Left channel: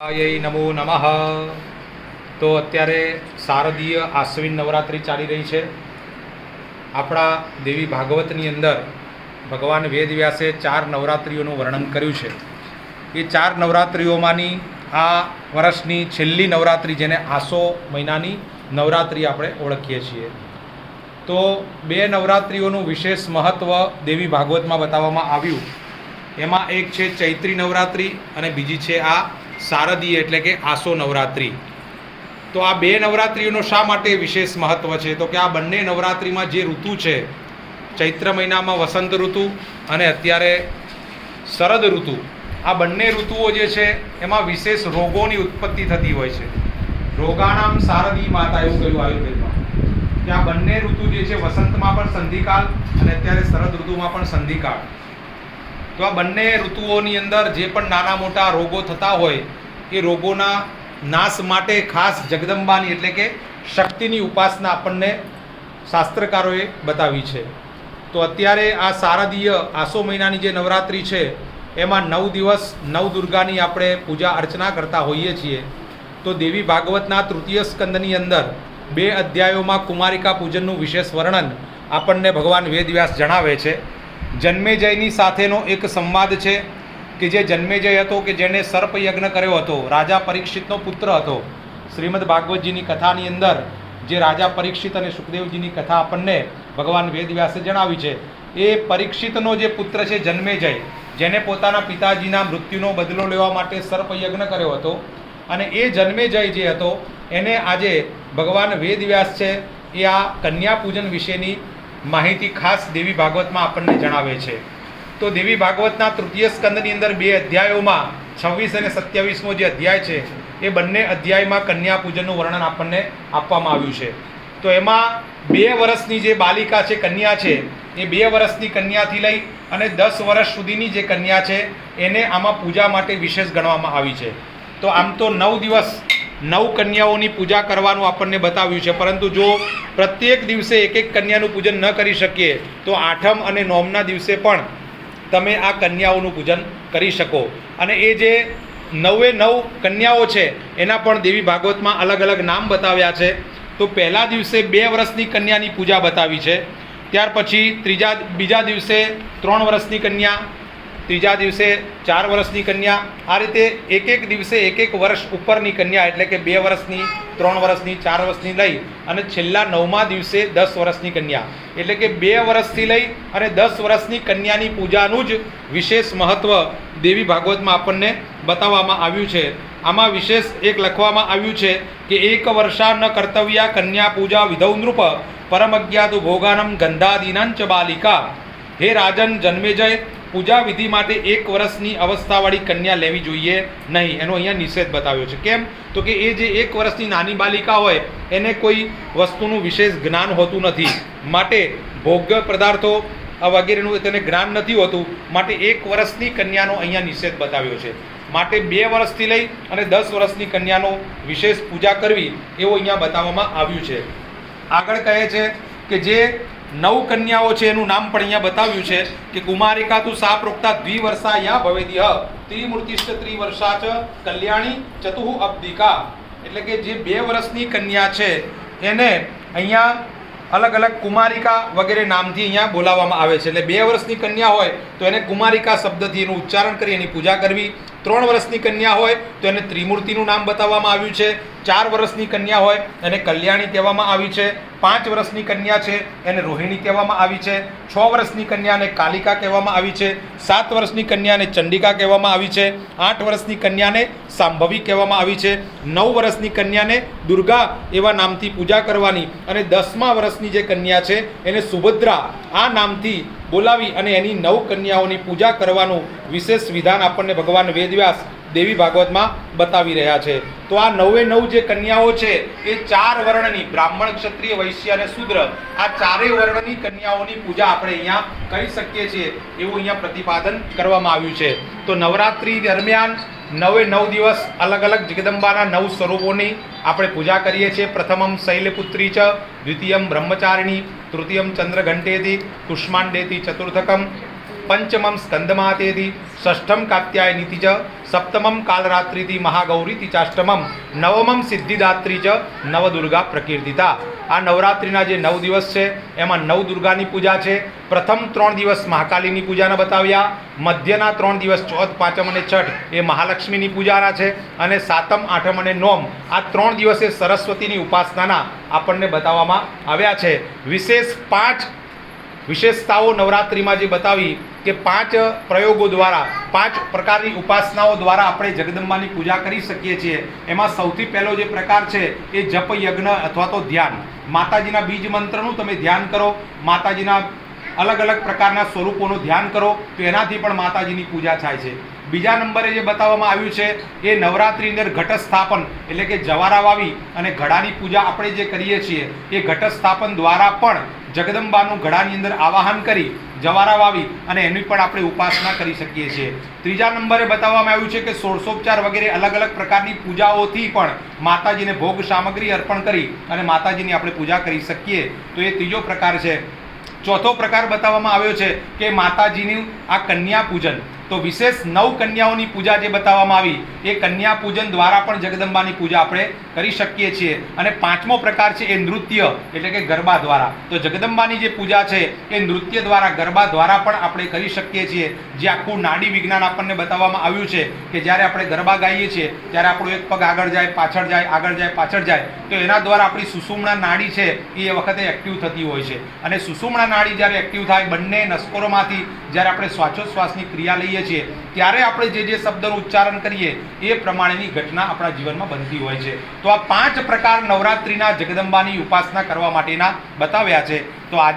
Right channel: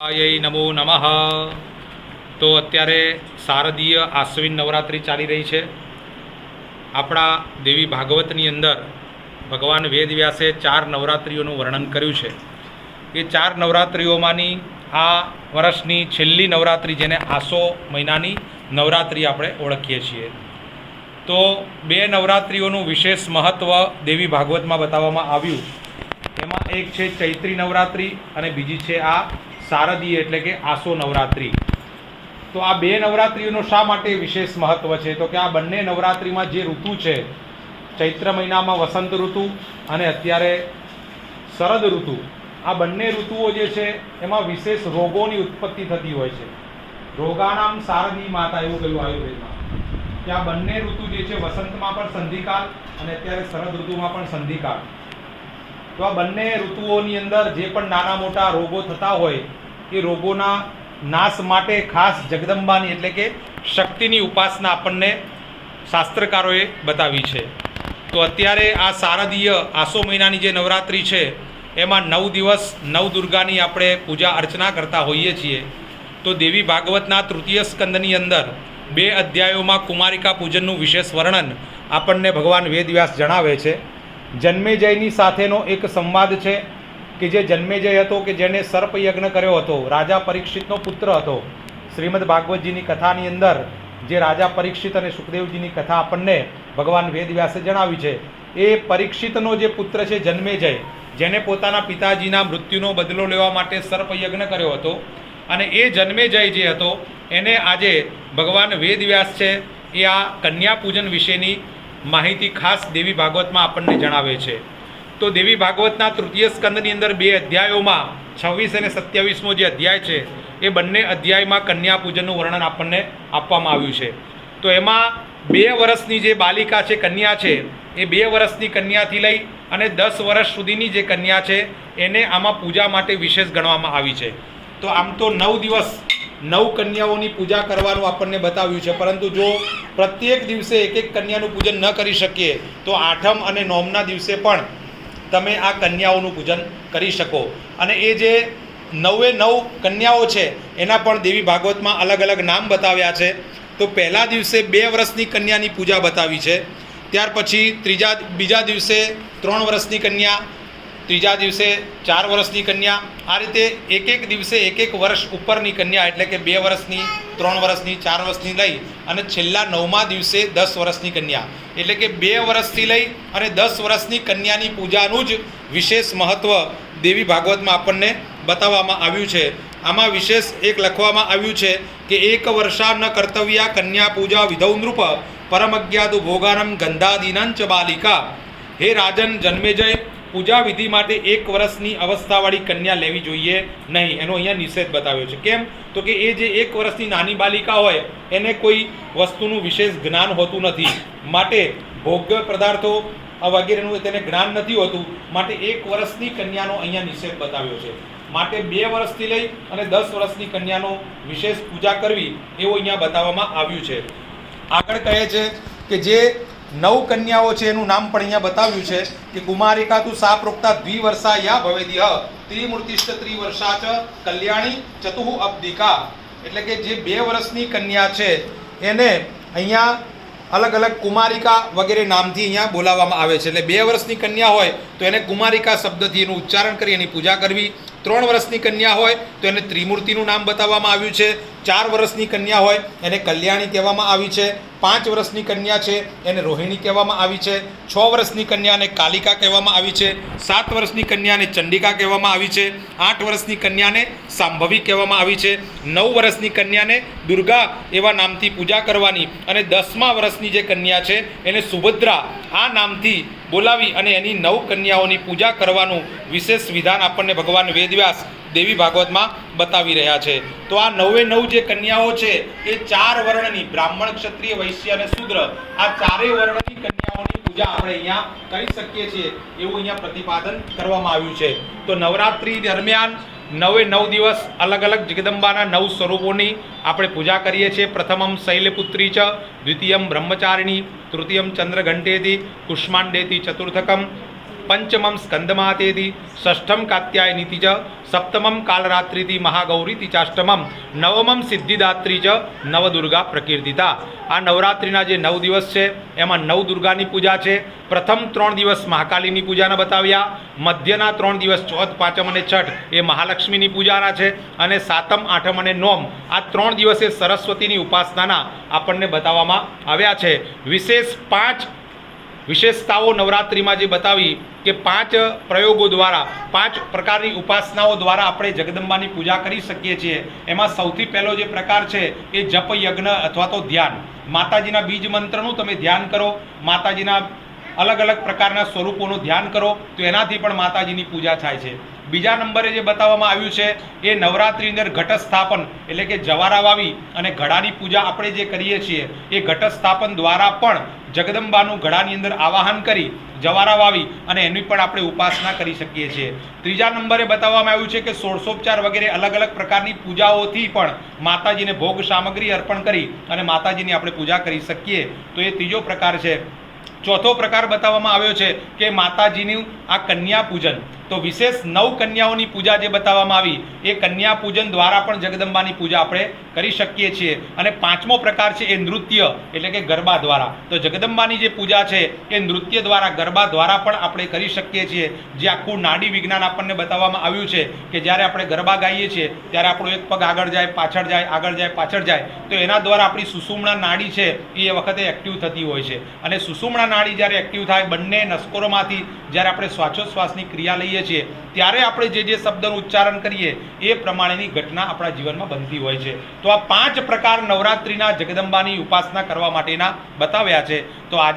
આય નમો નમઃ। તો અત્યારે શારદીય આશ્વિન નવરાત્રિ ચાલી રહી છે। આપણા દેવી ભાગવતની અંદર ભગવાન વેદવ્યાસે 4 નવરાત્રિઓનું વર્ણન કર્યું છે। એ 4 નવરાત્રિઓમાંની આ વર્ષની છેલ્લી નવરાત્રિ, જેને આસો મહિનાની નવરાત્રિ આપણે ઓળખીએ છીએ। તો 2 નવરાત્રિઓનું વિશેષ મહત્ત્વ દેવી ભાગવતમાં બતાવવામાં આવ્યું। એમાં એક છે ચૈત્રી નવરાત્રિ અને બીજી છે આ શારદીય એટલે કે આસો નવરાત્રિ। તો આ 2 નવરાત્રિઓનો શા માટે વિશેષ મહત્ત્વ છે? તો કે આ બંને નવરાત્રિમાં જે ઋતુ છે, ચૈત્ર મહિનામાં વસંત ઋતુ અને અત્યારે શરદ ઋતુ, આ બંને ઋતુઓ જે છે એમાં વિશેષ રોગોની ઉત્પત્તિ થતી હોય છે। રોગાણામ શારદી માતા એવું કહ્યું આયુર્વેદમાં કે આ બંને ઋતુ જે છે, વસંતમાં પણ સંધિકાળ અને અત્યારે શરદ ઋતુમાં પણ સંધિકાળ। તો આ બંને ઋતુઓની અંદર જે પણ નાના મોટા રોગો થતા હોય એ રોગોના નાશ માટે ખાસ જગદંબાની એટલે કે શક્તિની ઉપાસના આપણને શાસ્ત્રકારોએ બતાવી છે। તો અત્યારે આ શારદીય આસો મહિનાની જે નવરાત્રિ છે એમાં 9 દિવસ નવદુર્ગાની આપણે પૂજા અર્ચના કરતા હોઈએ છીએ। તો દેવી ભાગવતના તૃતીય સ્કંદની અંદર 2 અધ્યાયોમાં કુમારિકા પૂજનનું વિશેષ વર્ણન આપણને ભગવાન વેદવ્યાસ જણાવે છે। જન્મેજયની સાથેનો એક સંવાદ છે કે જે જન્મેજય હતો કે જેણે સર્પ યજ્ઞ કર્યો હતો, રાજા પરીક્ષિતનો પુત્ર હતો। શ્રીમદ ભાગવતજીની કથાની અંદર જે રાજા પરીક્ષિત અને સુખદેવજીની કથા આપણને ભગવાન વેદવ્યાસે જણાવી છે, એ પરીક્ષિતનો જે પુત્ર છે જન્મેજય, જેને પોતાના પિતાજીના મૃત્યુનો બદલો લેવા માટે સર્પ યજ્ઞ કર્યો હતો, અને એ જન્મેજય જે હતો એને આજે ભગવાન વેદવ્યાસ છે એ આ કન્યા પૂજન વિશેની માહિતી ખાસ દેવી ભાગવતમાં આપણને જણાવે છે। તો દેવી ભાગવતના તૃતીય સ્કંદની અંદર 2 અધ્યાયોમાં 26 અને 27મો જે અધ્યાય છે એ બંને અધ્યાયમાં કન્યા પૂજનનું વર્ણન આપણને આપવામાં આવ્યું છે। તો એમાં 2 વર્ષની જે બાલિકા છે, કન્યા છે, એ 2 વર્ષની કન્યાથી લઈ અને 10 વર્ષ સુધીની જે કન્યા છે એને આમાં પૂજા માટે વિશેષ ગણવામાં આવી છે। તો આમ તો 9 દિવસ 9 કન્યાઓની પૂજા કરવાનું આપણને બતાવ્યું છે, પરંતુ જો પ્રત્યેક દિવસે એક કન્યાનું પૂજન ન કરી શકીએ તો 8મ અને 9મના દિવસે પણ તમે આ કન્યાઓનું પૂજન કરી શકો। અને એ જે 9 કન્યાઓ છે એના પણ દેવી ભાગવતમાં અલગ અલગ નામ બતાવ્યા છે। તો પહેલા દિવસે 2 વર્ષની કન્યાની પૂજા બતાવી છે, ત્યાર પછી બીજા દિવસે 3 વર્ષની કન્યા, ત્રીજા દિવસે 4 વર્ષની કન્યા, આ રીતે એક દિવસે એક વર્ષ ઉપરની કન્યા એટલે કે 2 વર્ષની, 3 વર્ષની, 4 વર્ષની લઈ અને છેલ્લા 9મા દિવસે 10 વર્ષની કન્યા, એટલે કે 2 વર્ષથી લઈ અને 10 વર્ષની કન્યાની પૂજાનું જ વિશેષ મહત્ત્વ દેવી ભાગવતમાં આપણને બતાવવામાં આવ્યું છે। આમાં વિશેષ એક લખવામાં આવ્યું છે કે 1 વર્ષા ન કર્તવ્યા કન્યા પૂજા વિધૌ નૃપ પરમજ્ઞાતુ ભોગાનમ ગંધાદીનંચ બાલિકા। હે રાજન જન્મેજય, પૂજા વિધિ માટે 1 વર્ષની અવસ્થાવાળી કન્યા લેવી જોઈએ નહીં, એનો અહીંયા નિષેધ બતાવ્યો છે। કેમ? તો કે એ જે 1 વર્ષની નાની બાલિકા હોય એને કોઈ વસ્તુનું વિશેષ જ્ઞાન હોતું નથી, માટે ભોગ્ય પદાર્થો વગેરેનું તેને જ્ઞાન નથી હોતું, માટે 1 વર્ષની કન્યાનો અહીંયા નિષેધ બતાવ્યો છે। માટે 2 વર્ષથી લઈ અને 10 વર્ષની કન્યાનો વિશેષ પૂજા કરવી એવું અહીંયા બતાવવામાં આવ્યું છે। આગળ કહે છે કે જે 9 કન્યાઓ છે એનું નામ પણ અહીંયા બતાવ્યું છે કે કુમારિકા તું સા પ્રોક્તા દ્વિવર્ષા યા ભવેદિહ ત્રિમૂર્તિષ્ઠ ત્રિવર્ષા ચ કલ્યાણી ચતુઃ અબ્દિકા। એટલે કે જે 2 વર્ષની કન્યા છે એને અહીંયા અલગ અલગ કુમારિકા વગેરે નામથી અહીંયા બોલાવવામાં આવે છે। એટલે 2 વર્ષની કન્યા હોય તો એને કુમારિકા શબ્દથી એનું ઉચ્ચારણ કરી એની પૂજા કરવી। 3 વર્ષની કન્યા હોય તો એને ત્રિમૂર્તિનું નામ બતાવવામાં આવ્યું છે। 4 વર્ષની કન્યા હોય એને કલ્યાણી કહેવામાં આવી છે। 5 વર્ષની કન્યા છે એને રોહિણી કહેવામાં આવી છે। 6 વર્ષની કન્યાને કાલિકા કહેવામાં આવી છે। 7 વર્ષની કન્યાને ચંડિકા કહેવામાં આવી છે। 8 વર્ષની કન્યાને સાંભવી કહેવામાં આવી છે। 9 વર્ષની કન્યાને દુર્ગા એવા નામથી પૂજા કરવાની, અને 10મા વર્ષની જે કન્યા છે એને સુભદ્રા આ નામથી બોલાવી અને એની 9 કન્યાઓની પૂજા કરવાનું વિશેષ વિધાન આપણને ભગવાન વેદવ્યાસ દેવી ભાગવતમાં બતાવી રહ્યા છે। તો આ 9 જે કન્યાઓ છે એ 4 વર્ણની, બ્રાહ્મણ, ક્ષત્રિય, વૈશ્ય અને શૂદ્ર, આ 4 વર્ણની કન્યાઓની પૂજા આપણે અહીંયા કરી શકીએ છીએ એવું અહીંયા પ્રતિપાદન કરવામાં આવ્યું છે। તો નવરાત્રિ દરમિયાન 9 દિવસ અલગ અલગ જગદંબાના 9 સ્વરૂપોની આપણે પૂજા કરીએ છીએ। પ્રથમમ શૈલપુત્રી ચ, દ્વિતીયમ બ્રહ્મચારિણી, તૃતીયમ ચંદ્રઘંટેતિ, કુષ્માંડેતિ, ચતુર્થકમ પંચમમ સ્કંદમાતેતિ ષષ્ઠમ કાત્યાયનીતિ ચ સપ્તમમ કાલરાત્રિતિ મહાગૌરીતિ ચાષ્ટમમ નવમમ સિદ્ધિદાત્રી ચ નવદુર્ગા પ્રકીર્તિતા. આ નવરાત્રિના જે 9 દિવસ છે એમાં 9 દુર્ગાની પૂજા છે. પ્રથમ 3 દિવસ મહાકાલીની પૂજાના બતાવ્યા, મધ્યના 3 દિવસ ચોથ, પાંચમ અને છઠ એ મહાલક્ષ્મીની પૂજાના છે, અને સાતમ, આઠમ અને નોમ આ 3 દિવસે સરસ્વતીની ઉપાસનાના આપણને બતાવવામાં આવ્યા છે. વિશેષ 5 વિશેષતાઓ નવરાત્રિમાં જે બતાવી કે 5 પ્રયોગો દ્વારા 5 પ્રકારની ઉપાસનાઓ દ્વારા આપણે જગદંબાની પૂજા કરી શકીએ છીએ. એમાં સૌથી પહેલો જે પ્રકાર છે એ જપ યજ્ઞ અથવા તો ધ્યાન. માતાજીના બીજ મંત્રનું તમે ધ્યાન કરો, માતાજીના અલગ અલગ પ્રકારના સ્વરૂપોનું ધ્યાન કરો તો એનાથી પણ માતાજીની પૂજા થાય છે. બીજા નંબરે જે બતાવવામાં આવ્યું છે એ નવરાત્રિની અંદર ઘટ સ્થાપન એટલે કે જવારા વાવી અને ઘડાની પૂજા આપણે જે કરીએ છીએ એ ઘટ સ્થાપન દ્વારા પણ જગદંબાનું ઘડાની અંદર આવાહન કરી જવારા વાવી અને એની પણ આપણે ઉપાસના કરી શકીએ છીએ. ત્રીજા નંબરે બતાવવામાં આવ્યું છે કે ષોડશોપચાર વગેરે અલગ અલગ પ્રકારની પૂજાઓથી પણ માતાજીને ભોગ સામગ્રી અર્પણ કરી અને માતાજીની આપણે પૂજા કરી શકીએ. તો એ ત્રીજો પ્રકાર છે. ચોથો પ્રકાર બતાવવામાં આવ્યો છે કે માતાજીનું આ કન્યા પૂજન. તો વિશેષ 9 કન્યાઓની પૂજા જે બતાવવામાં આવી એ કન્યા પૂજન દ્વારા પણ જગદંબાની પૂજા આપણે કરી શકીએ છીએ. અને પાંચમો પ્રકાર છે એ નૃત્ય એટલે કે ગરબા દ્વારા. તો જગદંબાની જે પૂજા છે એ નૃત્ય દ્વારા, ગરબા દ્વારા પણ આપણે કરી શકીએ છીએ. જે આખું નાડી વિજ્ઞાન આપણને બતાવવામાં આવ્યું છે કે જ્યારે આપણે ગરબા ગાઈએ છીએ ત્યારે આપણો એક પગ આગળ જાય, પાછળ જાય, આગળ જાય, પાછળ જાય, તો એના દ્વારા આપણી સુષુમ્ના નાડી છે એ વખતે એક્ટિવ થતી હોય છે. અને સુષુમ્ના નાડી જ્યારે એક્ટિવ થાય, બંને નસકોરોમાંથી જ્યારે આપણે શ્વાસોચ્છ્વાસની ક્રિયા લઈએ છીએ ત્યારે આપણે જે શબ્દનું ઉચ્ચારણ કરીએ એ પ્રમાણેની ઘટના આપણા જીવનમાં બનતી હોય છે. તો આ 5 પ્રકાર નવરાત્રિના જગદંબાની ઉપાસના કરવા માટેના બતાવ્યા છે. તો આજે